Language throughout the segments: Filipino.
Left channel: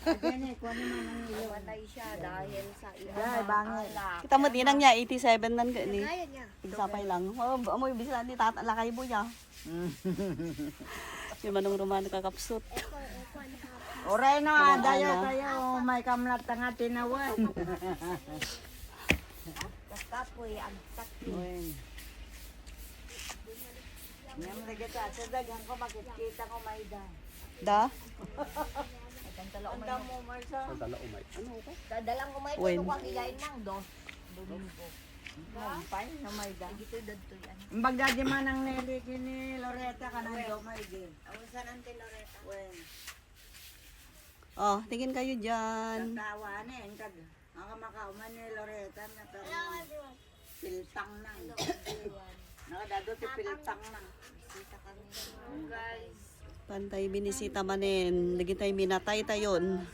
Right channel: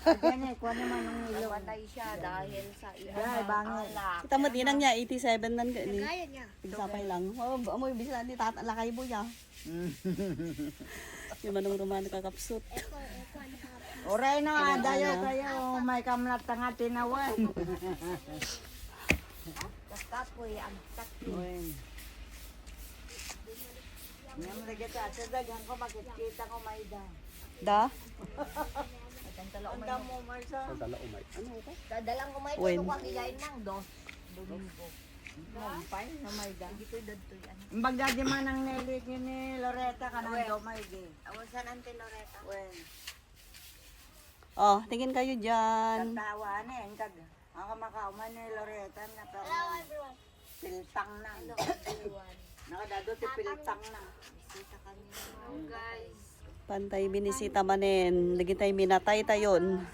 Ayan eh, kuha naman ang ilong. Namatay siya dahil sa Ay, bangit. alak. Kita mo dinang niya 87 nan ka ni. Kaya niya. Pigsapay lang. Oh, amoy bisa ni tat lakay mo ya. Yung manong romano kakapsut. Oray na, Ano, dayo ano? tayo. May kamlat nga tinawan. Kapoy, ang takyo. Uy. Ngayon lagi ta, sa dagan ko makikita ko may da. Da? Ang damo, Marsa. Dadalang umay When? ko kung ilain ng Domingo. Pay na may da. Dito dadto yan. Ang bagdadi man ang nelit ni Loretta ka na do may di. Awan sa nante Loretta. Wen, Oh, tingin kayo dyan. katawa na eh. Ako makauman ni Loretta na karoon. Piltang na. Nakadado ti piltang na. Kita kami guys. Pantay binisita manen. Lagi tayo minatay tayon.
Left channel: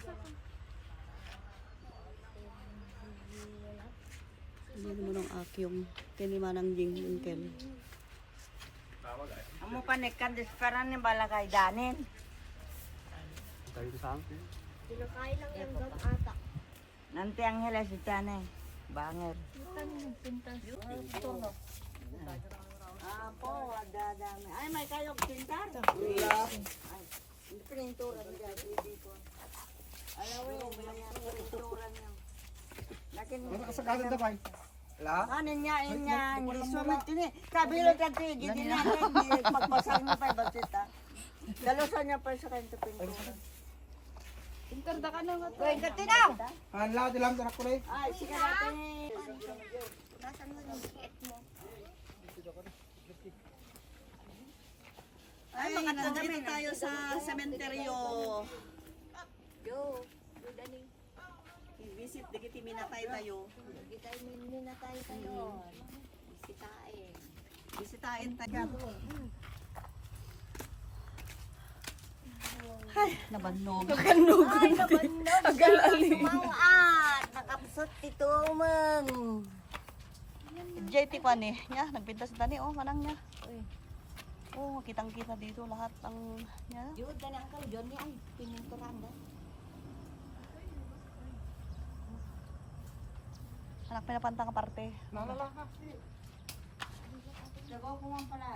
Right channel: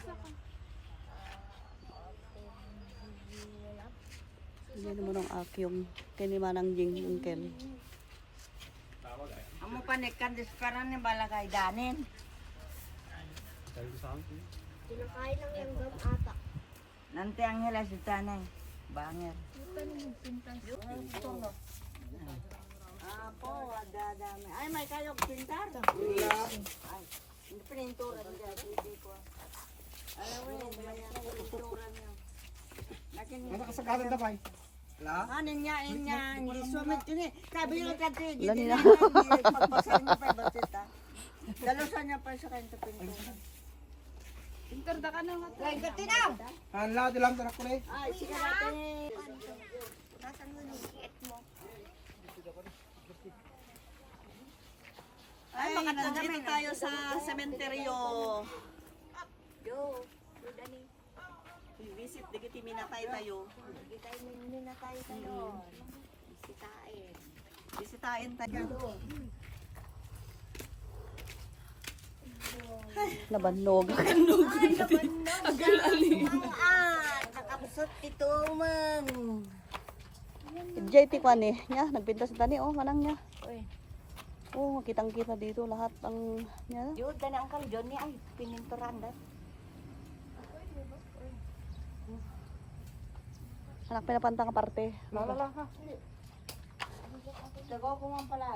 Hindi mo ng akyong. Tinimanang jing yung kel. Amo panikan disperan ni balakay danin. Kinakain lang yung gam atak. Nanti ang hela si Tianay. Bangir. Apo, dadami. Ay, may kayong pintar. Ay, pintura niya, hindi ko. Alam mo, may pintura niya. Lakin, Kasagalan na ba? Wala? kanin niya, hindi sumat yun eh. Kabilo dati, hindi na magpasal mo pa, batita. Dalosan niya pa sa kanya pintura. Pintar da ka na nga. Kaya ka tinaw! Hanla, di lang tanak ko na eh. Ay, sige natin. Nasaan mo yung siet mo? Ay, makatagami tayo sa sementeryo. Yo, Dani. I-visit, digiti minatay tayo. Hindi tayo minatay tayo. Bisitain. Bisitain tayo. Ay, nabannog. Ay, nabanog. Agalaling. Mangan. Nakapsot itong mang. JT pa ni, niya, nagpinta sa tani, oh, manang niya. Oh, kitang-kita dito lahat ang niya. Yun, dana ang kalidyon niya. Ay, pininturan da. Anak pinapantang parte. Wala ka. Tago ko nga pala.